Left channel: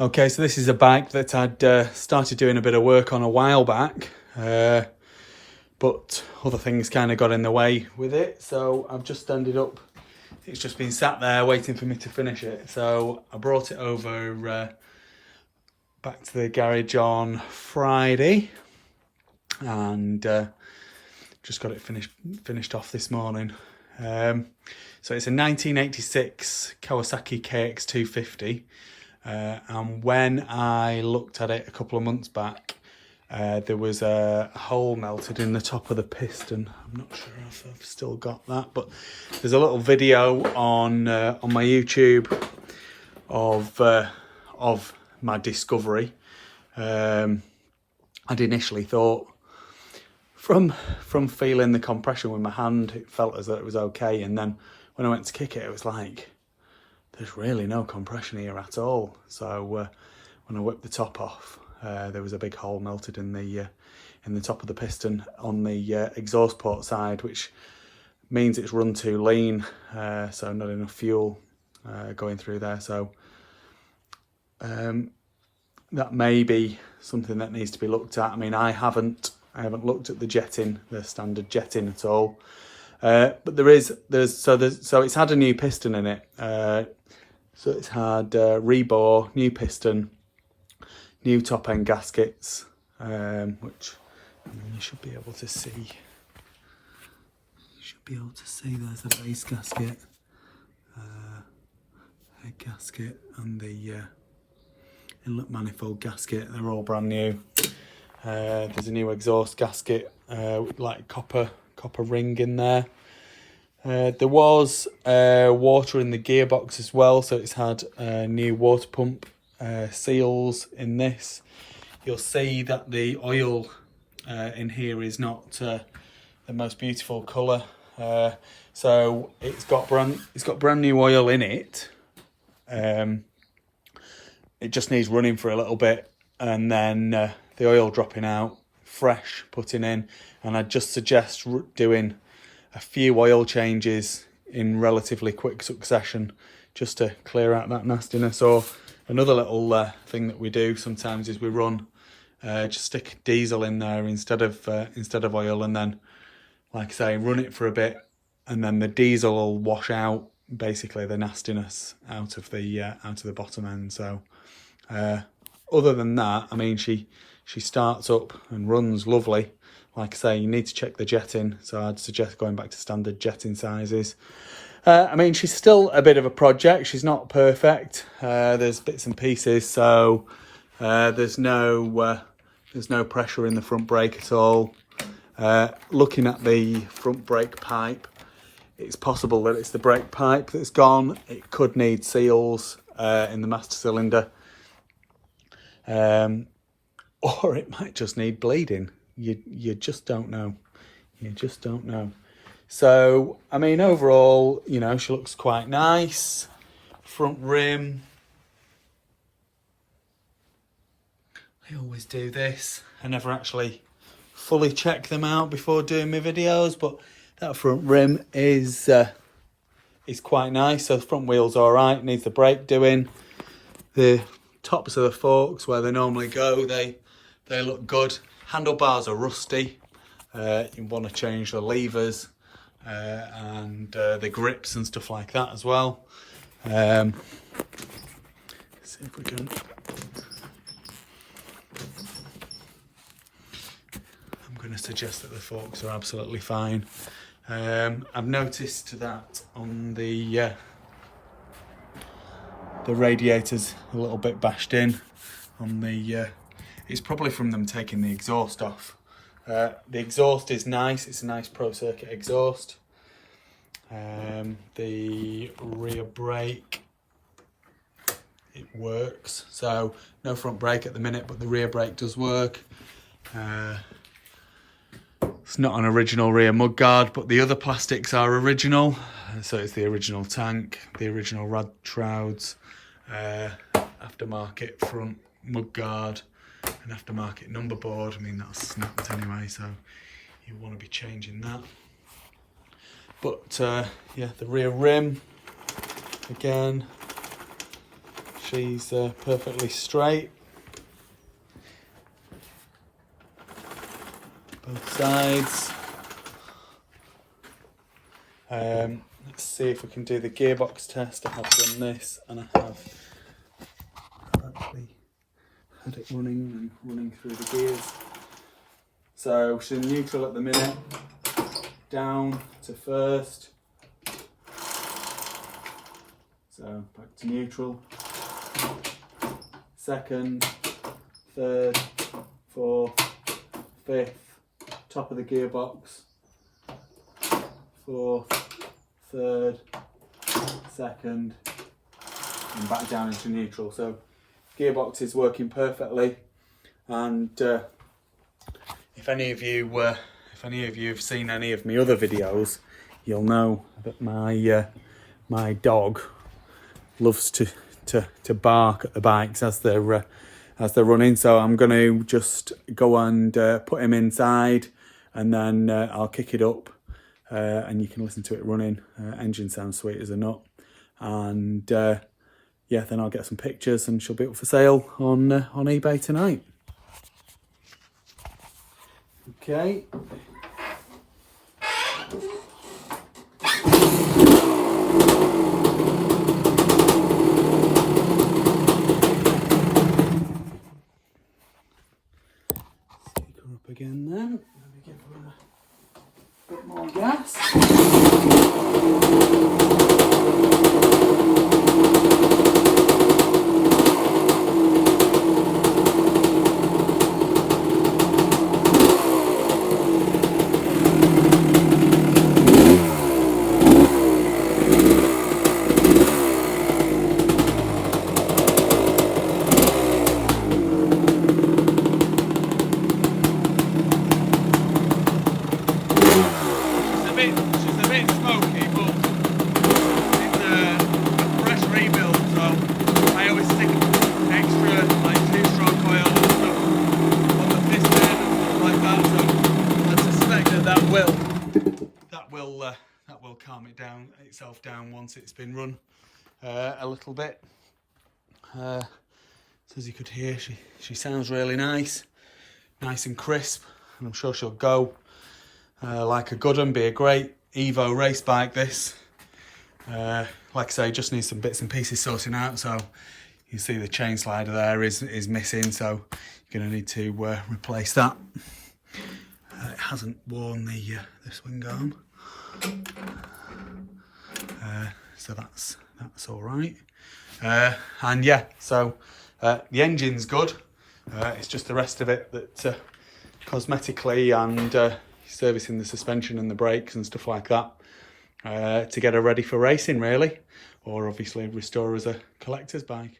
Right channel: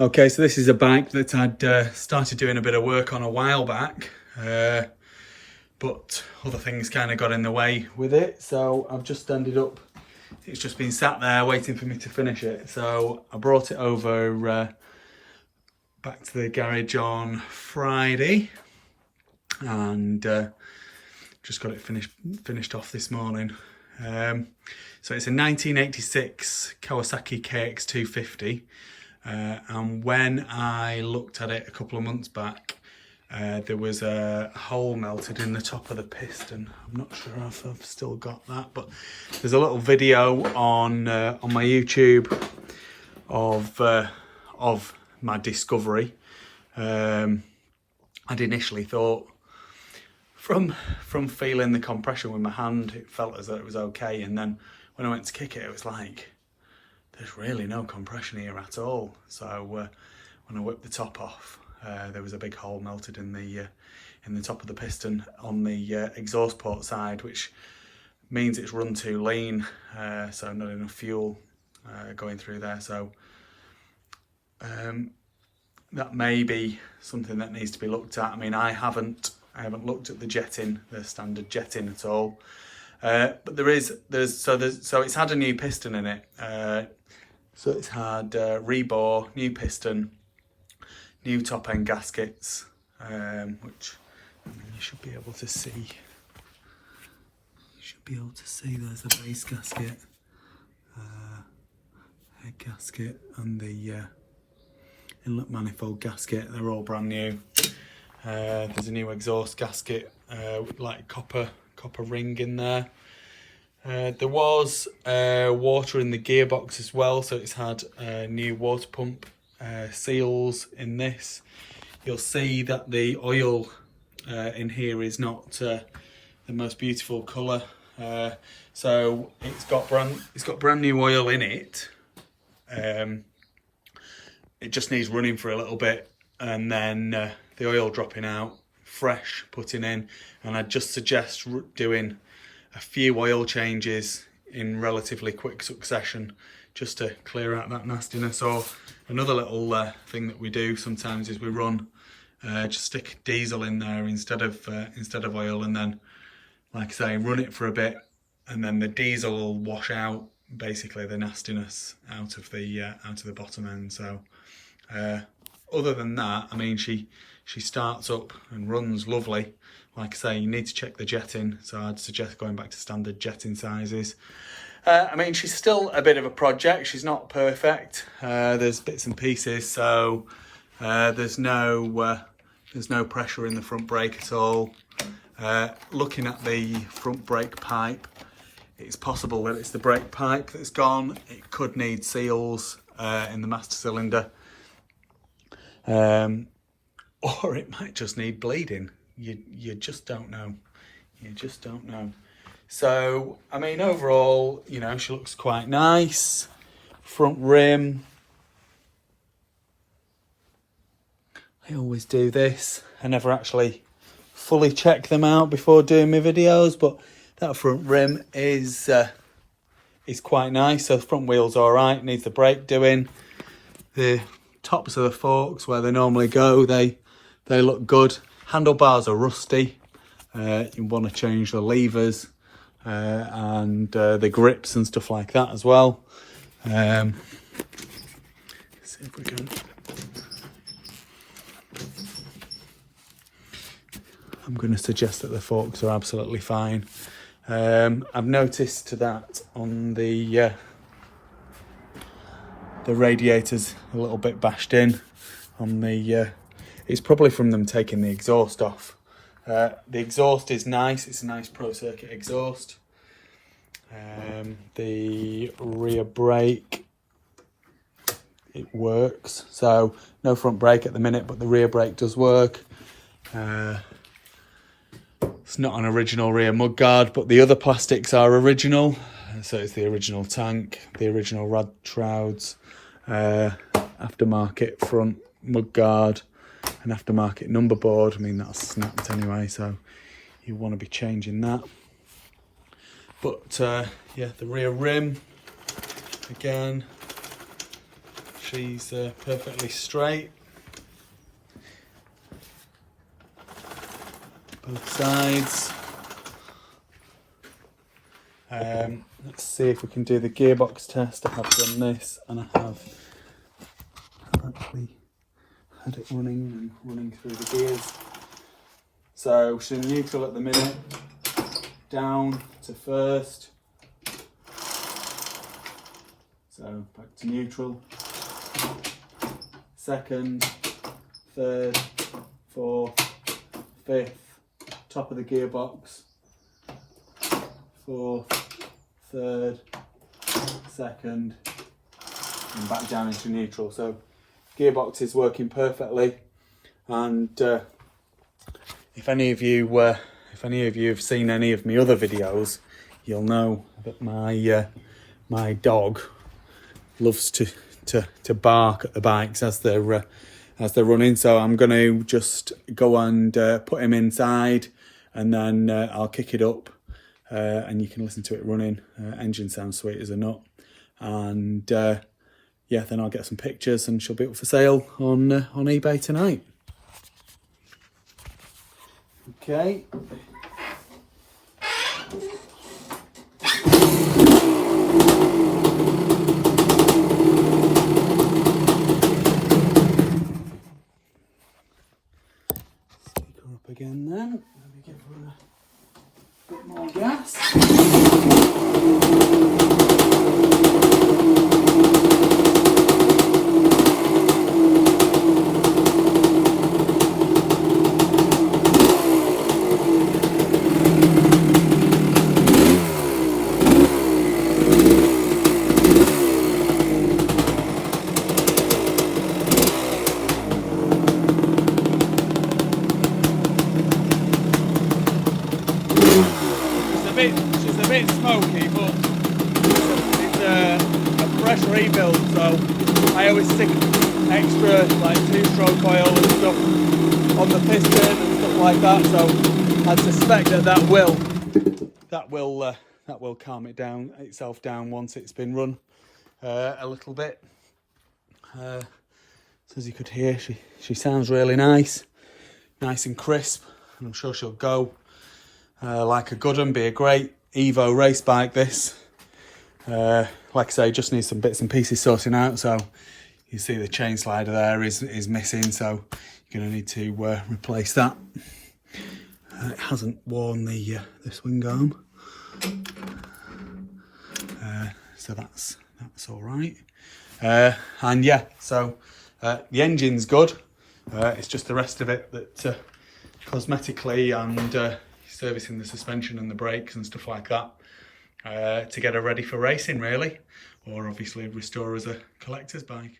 Okay, so this is a bike that I'd started doing a bit of work on a while back, but other things kind of got in the way with it, so I've just ended up, it's just been sat there waiting for me to finish it. So I brought it over back to the garage on Friday and just got it finished off this morning. So it's a 1986 Kawasaki kx250. And when I looked at it a couple of months back, there was a hole melted in the top of the piston. I'm not sure if I've still got that, but there's a little video on my YouTube of my discovery. I'd initially thought, from feeling the compression with my hand, it felt as though it was okay, and then when I went to kick it, it was like, there's really no compression here at all. So when I whipped the top off, there was a big hole melted in the top of the piston on the exhaust port side, which means it's run too lean, so not enough fuel going through there. So that may be something that needs to be looked at. I mean, I haven't looked at the jetting, the standard jetting at all. But so it's had a new piston in it. So it's had rebore, new piston, new top end gaskets, which you should be able to see. You should be able to see there's a base gasket, head gasket, and the inlet manifold gasket. They're all brand new. There's a new exhaust gasket, like copper ring in there. There was water in the gearbox as well, so it's had new water pump seals in this. You'll see that the oil in here is not the most beautiful colour, so it's got brand new oil in it. It just needs running for a little bit, and then the oil dropping out, fresh putting in, and I'd just suggest doing a few oil changes in relatively quick succession just to clear out that nastiness. Or another little thing that we do sometimes is we run just stick diesel in there instead of oil, and then, like I say, run it for a bit, and then the diesel will wash out basically the nastiness out of the bottom end. So other than that, I mean, she starts up and runs lovely. Like I say, you need to check the jetting, so I'd suggest going back to standard jetting sizes. I mean, she's still a bit of a project. She's not perfect. There's bits and pieces, so there's no pressure in the front brake at all. Looking at the front brake pipe, it's possible that it's the brake pipe that's gone. It could need seals in the master cylinder, or it might just need bleeding. You just don't know. You just don't know. So, I mean, overall, you know, she looks quite nice. Front rim. I always do this. I never actually fully check them out before doing my videos, but that front rim is quite nice. So the front wheel's all right. Needs the brake doing. The tops of the forks where they normally go, they look good. Handlebars are rusty. You want to change the levers and the grips and stuff like that as well. Let's see if we can. I'm going to suggest that the forks are absolutely fine. I've noticed that on the radiator's a little bit bashed in on the. It's probably from them taking the exhaust off. The exhaust is nice. It's a nice Pro Circuit exhaust. The rear brake, it works. So no front brake at the minute, but the rear brake does work. It's not an original rear mudguard, but the other plastics are original. So it's the original tank, the original rad shrouds, aftermarket front mudguard, an aftermarket number board. I mean, that's snapped anyway, so you want to be changing that. But yeah, the rear rim again she's perfectly straight. Both sides. Let's see if we can do the gearbox test. I have done this and I have actually had it running through the gears. So she's in neutral at the minute, down to first, so back to neutral, second, third, fourth, fifth, top of the gearbox, fourth, third, second, and back down into neutral. So gearbox is working perfectly, and if any of you have seen any of my other videos, you'll know that my dog loves to bark at the bikes as they're running. So I'm going to just go and put him inside, and then I'll kick it up, and you can listen to it running. Engine sounds sweet as a nut, and yeah, then I'll get some pictures, and she'll be up for sale on eBay tonight. Okay. Pick her up again then. Let me give her a bit more gas. She's a bit smoky, but it's a fresh rebuild, so I always stick extra like 2-stroke oil and stuff on the piston and stuff like that. So I suspect that will calm it down itself down once it's been run a little bit. So as you could hear, she sounds really nice and crisp, and I'm sure she'll go like a good one. Be a great Evo race bike this. Like I say, just needs some bits and pieces sorting out. So you see the chain slider there is missing, so you're going to need to replace that. It hasn't worn the swing arm, so that's all right. And yeah, so the engine's good. It's just the rest of it that cosmetically and servicing the suspension and the brakes and stuff like that to get her ready for racing, really, or obviously restore as a collector's bike.